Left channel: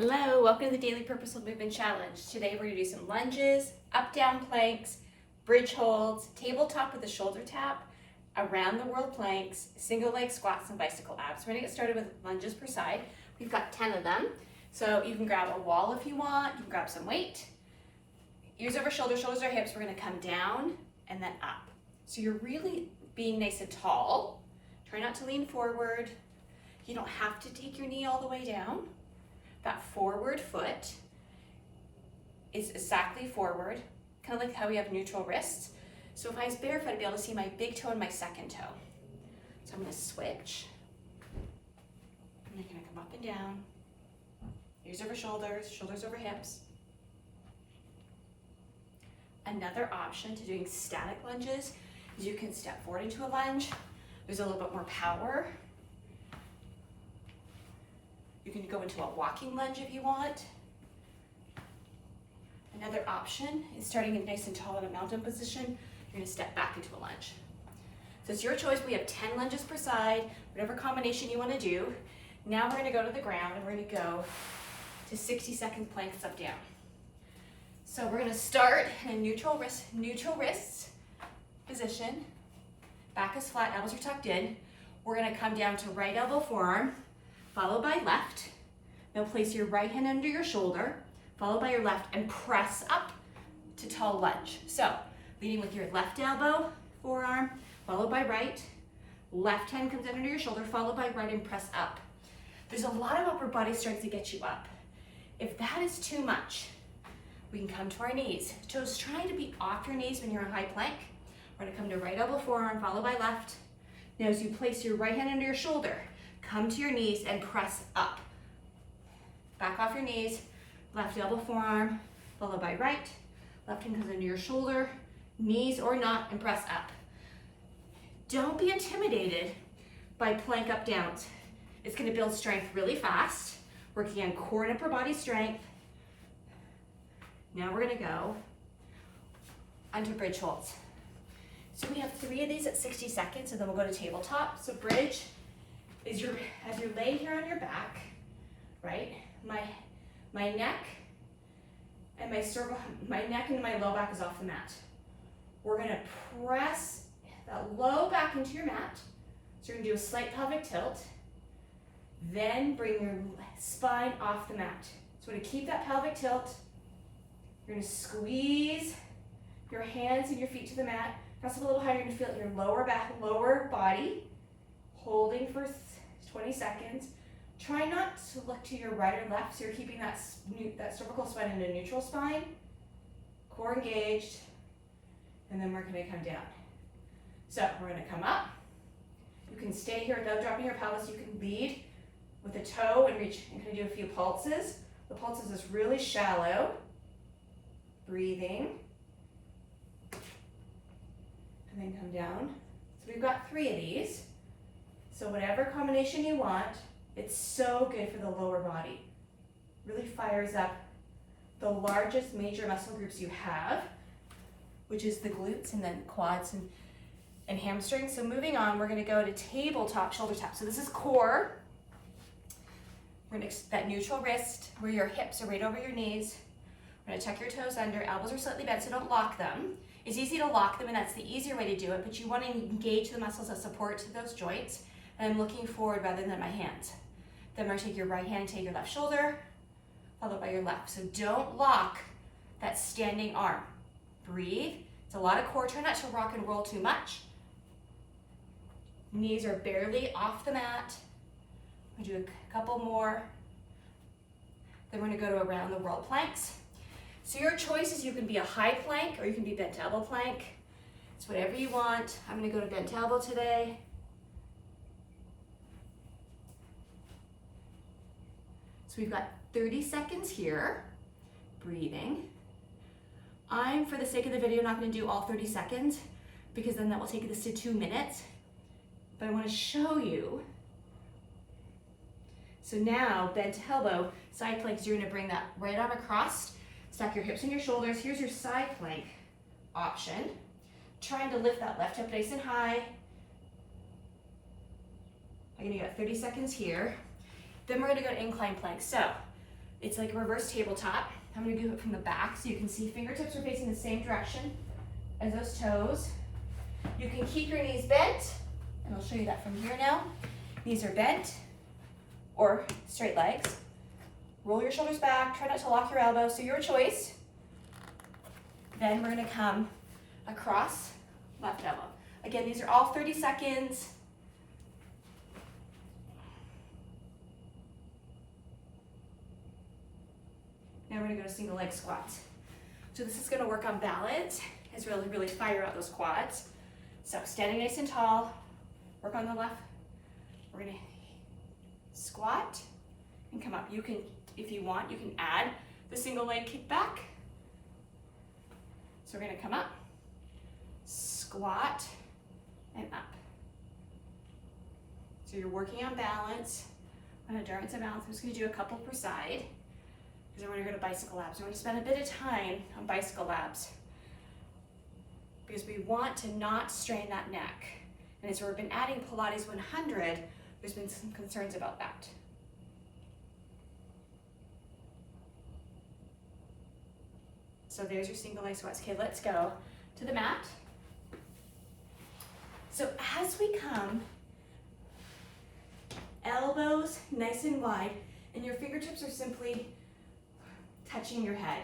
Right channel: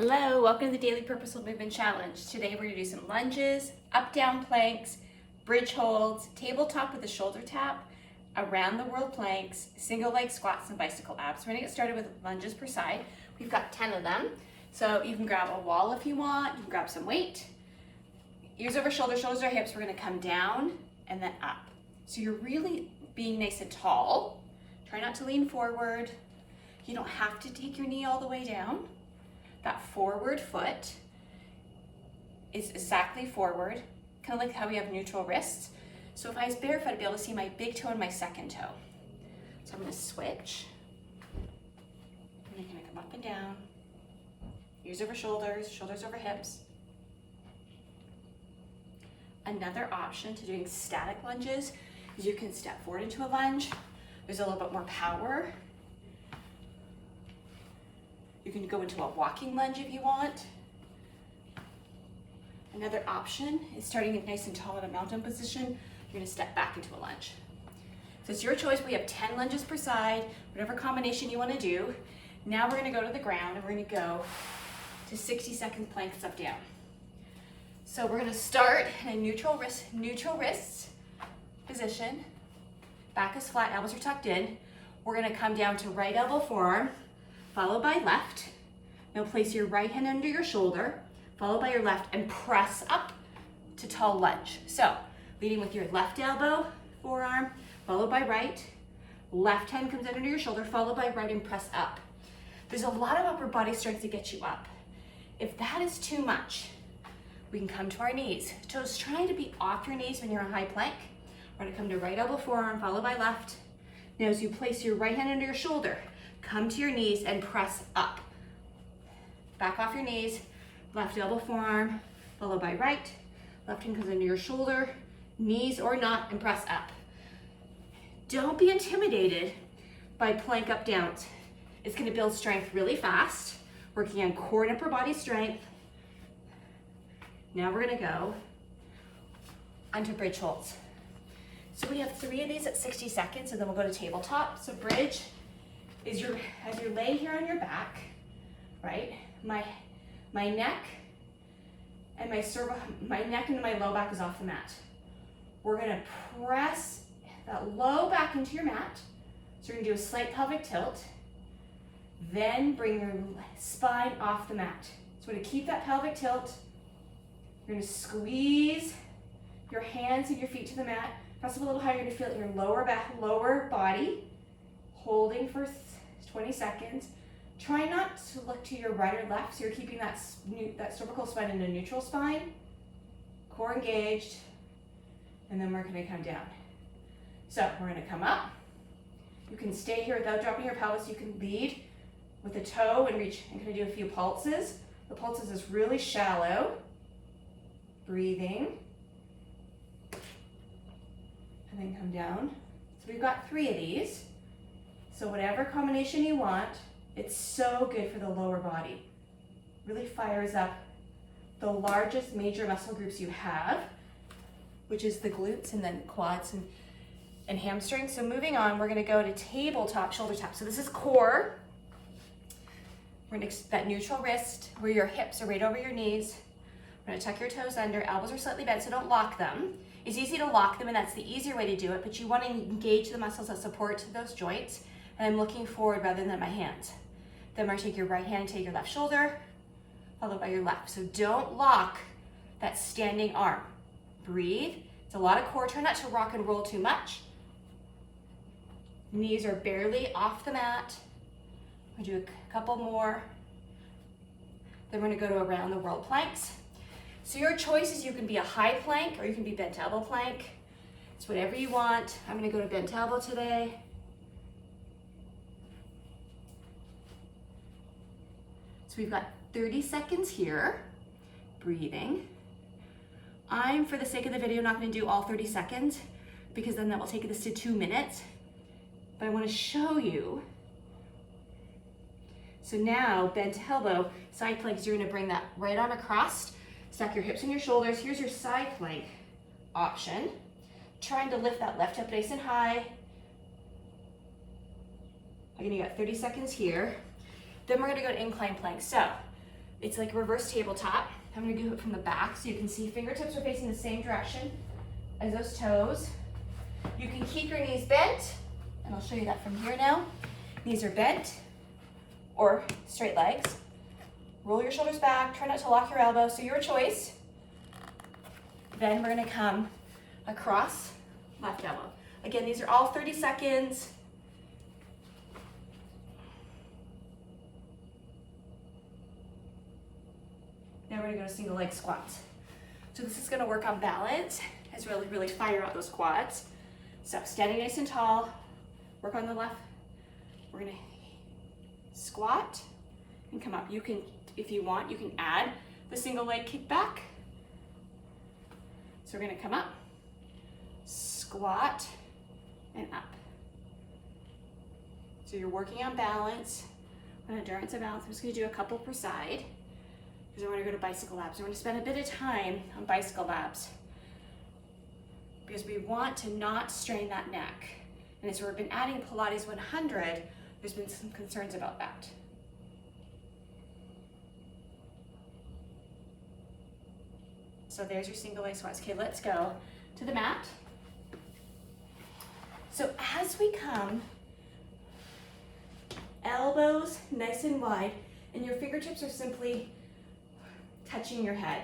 Hello, welcome to the Daily Purposeful Movement Challenge. Today we're going to do some lunges, up-down planks, bridge holds, tabletop with a shoulder tap, around the world planks, single leg squats, and bicycle abs. We're going to get started with lunges per side. We've got 10 of them. So you can grab a wall if you want, you can grab some weight. Ears over shoulders, shoulders over hips. We're going to come down and then up. So you're really being nice and tall. Try not to lean forward. You don't have to take your knee all the way down. That forward foot is exactly forward, kind of like how we have neutral wrists. So if I was barefoot, I'd be able to see my big toe and my second toe. So I'm going to switch. And I'm going to come up and down. Ears over shoulders, shoulders over hips. Another option to doing static lunges is you can step forward into a lunge. There's a little bit more power. You can go into a walking lunge if you want. Another option is starting it nice and tall in a mountain position. You're going to step back into a lunge. So it's your choice. We have 10 lunges per side, whatever combination you want to do. Now we're going to go to the ground and we're going to go to 60-second planks up down. So we're going to start in a neutral wrists position. Back is flat, elbows are tucked in. We're going to come down to right elbow forearm, followed by left. Now place your right hand under your shoulder, followed by your left, and press up to tall lunge. So leading with your left elbow, forearm, followed by right. Left hand comes under your shoulder, followed by right, and press up. There's a lot of upper body strength to get you up. If that is too much, we can come to our knees. Toes trying to be off your knees when you're in high plank. We're gonna come to right elbow, forearm, followed by left. Now as you place your right hand under your shoulder, come to your knees and press up. Back off your knees, left elbow, forearm, followed by right. Left hand comes under your shoulder, knees or not, and press up. Don't be intimidated by plank up downs. It's gonna build strength really fast, working on core and upper body strength. Now we're gonna go onto bridge holds. So we have 3 of these at 60 seconds, and then we'll go to tabletop. So bridge is as you lay here on your back, right? My neck and my neck and my low back is off the mat. We're gonna press that low back into your mat. So you're gonna do a slight pelvic tilt, then bring your spine off the mat. So we're gonna keep that pelvic tilt. You're gonna squeeze your hands and your feet to the mat. Press up a little higher, you're gonna feel it in your lower body, holding for 20 seconds. Try not to look to your right or left, so you're keeping that cervical spine in a neutral spine, core engaged, and then we're gonna come down. So we're gonna come up. You can stay here without dropping your pelvis. You can lead with a toe and reach and kind of do a few pulses. The pulses is really shallow. Breathing. And then come down. So we've got 3 of these. So whatever combination you want, it's so good for the lower body. Really fires up the largest major muscle groups you have, which is the glutes and then quads and hamstrings. So moving on, we're gonna go to tabletop shoulder tap. So this is core. We're gonna that neutral wrist where your hips are right over your knees. We're gonna tuck your toes under, elbows are slightly bent, so don't lock them. It's easy to lock them, and that's the easier way to do it, but you wanna engage the muscles that support those joints. And I'm looking forward rather than my hands. Then we're gonna take your right hand and take your left shoulder, followed by your left. So don't lock that standing arm. Breathe. It's a lot of core. Try not to rock and roll too much. Knees are barely off the mat. We'll do a couple more. Then we're gonna go to around the world planks. So your choice is you can be a high plank or you can be bent elbow plank. It's whatever you want. I'm gonna go to bent elbow today. So we've got 30 seconds here, breathing. I'm, for the sake of the video, not gonna do all 30 seconds because then that will take this to 2 minutes. But I wanna show you. So now, bent elbow, side planks, you're gonna bring that right arm across, stack your hips and your shoulders. Here's your side plank option. Trying to lift that left hip nice and high. Again, you got 30 seconds here. Then we're gonna go to incline plank. So It's like reverse tabletop. I'm gonna do it from the back so you can see fingertips are facing the same direction as those toes. You can keep your knees bent, and I'll show you that from here now. Knees are bent or straight legs. Roll your shoulders back, try not to lock your elbows, so your choice. Then we're gonna come across left elbow. Again, these are all 30 seconds. Now we're gonna go to single leg squats. So this is gonna work on balance, as really fire out those quads. So standing nice and tall, work on the left. We're gonna squat and come up. You can, if you want, you can add the single leg kick back. So we're gonna come up, squat, and up. So you're working on balance, on endurance and balance. I'm just gonna do a couple per side, because we're gonna go to bicycle abs. We're gonna spend a bit of time on bicycle abs, because we want to not strain that neck. And as we've been adding Pilates 100, there's been some concerns about that. So there's your single leg squats. Okay, let's go to the mat. So as we come, elbows nice and wide, and your fingertips are simply touching your head.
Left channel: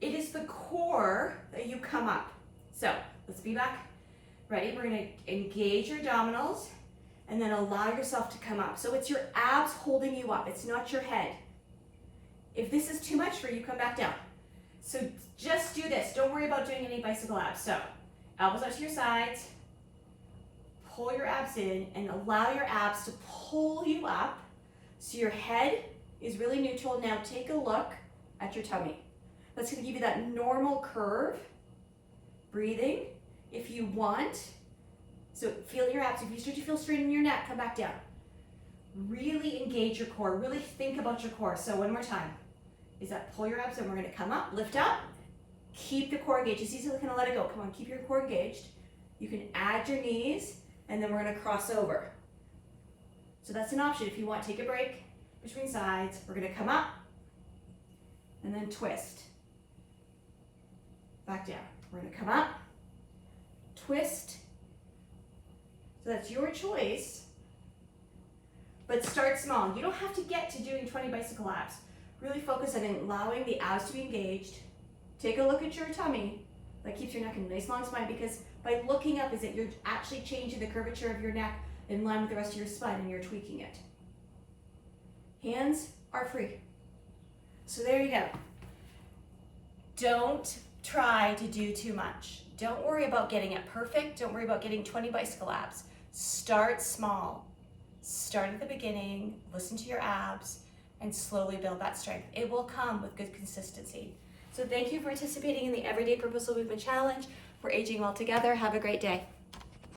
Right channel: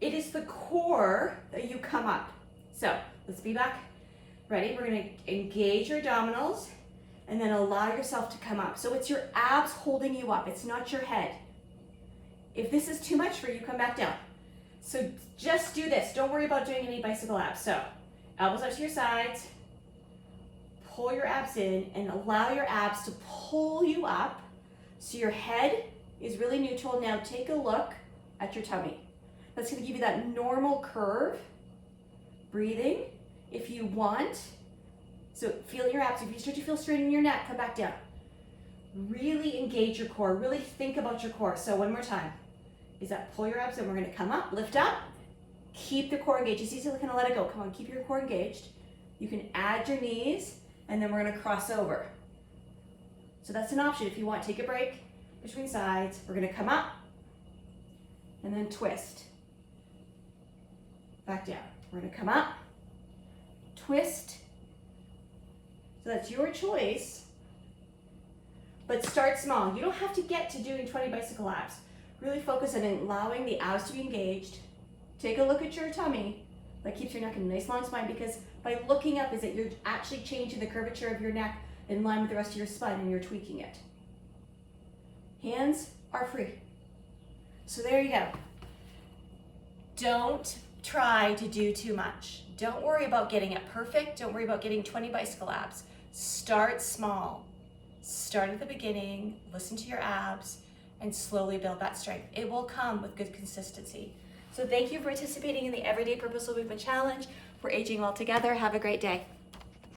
It is the core that you come up. So let's be back. Ready? We're gonna engage your abdominals and then allow yourself to come up. So it's your abs holding you up. It's not your head. If this is too much for you, come back down. So just do this. Don't worry about doing any bicycle abs. So elbows up to your sides, pull your abs in and allow your abs to pull you up so your head is really neutral. Now take a look at your tummy. That's gonna give you that normal curve. Breathing if you want. So feel your abs. If you start to feel strain in your neck, come back down. Really engage your core. Really think about your core. So one more time. Is that pull your abs and we're gonna come up, lift up, keep the core engaged. It's easily gonna let it go. Come on, keep your core engaged. You can add your knees and then we're gonna cross over. So that's an option. If you want, take a break between sides. We're gonna come up and then twist. Back down. We're gonna come up, twist. So that's your choice, but start small. You don't have to get to doing 20 bicycle abs. Really focus on allowing the abs to be engaged. Take a look at your tummy. That keeps your neck in a nice long spine, because by looking up is that you're actually changing the curvature of your neck in line with the rest of your spine and you're tweaking it. Hands are free. So there you go. Don't try to do too much. Don't worry about getting it perfect. Don't worry about getting 20 bicycle abs. Start small. Start at the beginning, listen to your abs, and slowly build that strength. It will come with good consistency. So thank you for participating in the Everyday Purposeful Movement Challenge. We're aging well together. Have a great day.